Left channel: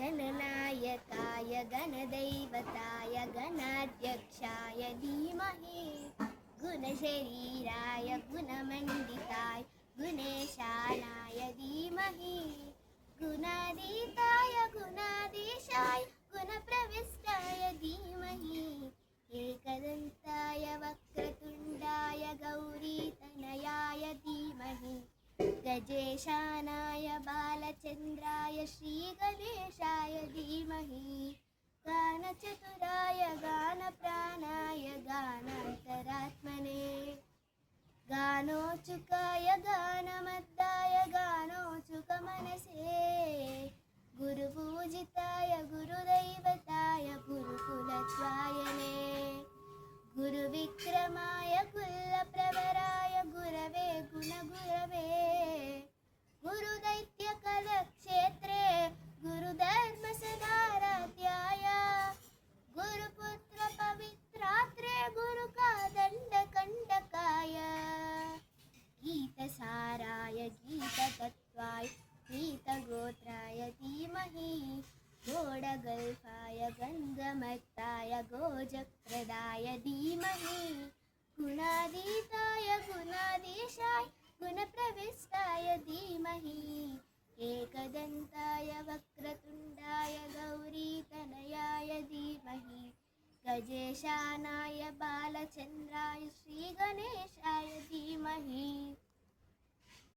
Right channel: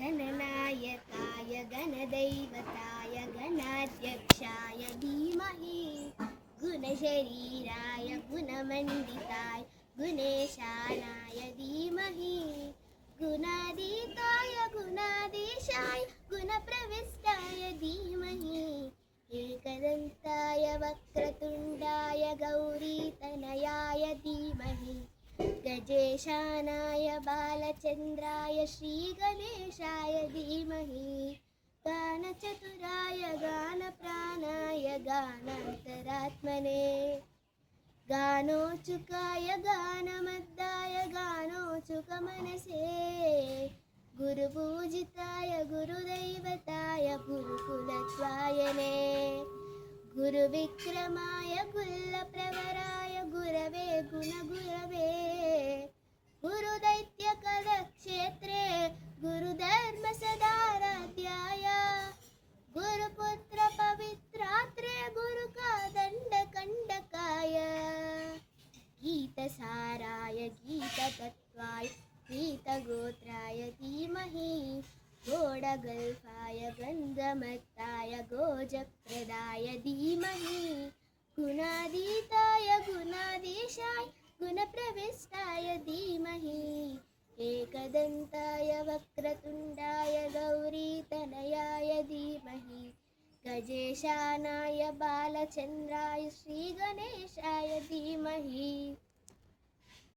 गणनायकाय गणदैवताय गणाध्यक्षाय धीमहि गुणशरीराय गुणमण्डिताय गुणेशानाय धीमहि गुणातीताय गुणाधीशाय गुणप्रविष्टाय धीमहि एकदन्ताय वक्रतुण्डाय गौरीतनयाय धीमहि गजेशानाय बालचन्द्राय श्रीगणेशाय धीमहि गानचतुराय गानप्राणाय गानान्तरात्मने गानोचुकाय गानमद्दाय गानोचुकमनसे गुरुपूजिताय गुरुदैवताय गुरुकुलत्वायने गुरुविक्रमाय कुलप्रवराय गुरवे गुणगुरवे गुरुदैत्यकलक्षेत्रे गुरुधर्मसदाराध्याय गुरुपुत्रपवित्रात्रे गुरुकादण्डकण्डकाय गीतसाराय गीततत्त्वाय गीतगोत्राय धीमहि घोडगल्पाय गन्धमत्ताय गोजप्रदाय धीमहि गुणातीताय गुणाधीशाय गुणप्रविष्टाय धीमहि एकदन्ताय वक्रतुण्डाय गौरीतनयाय धीमहि गजेशानाय बालचन्द्राय श्रीगणेशाय धीमहि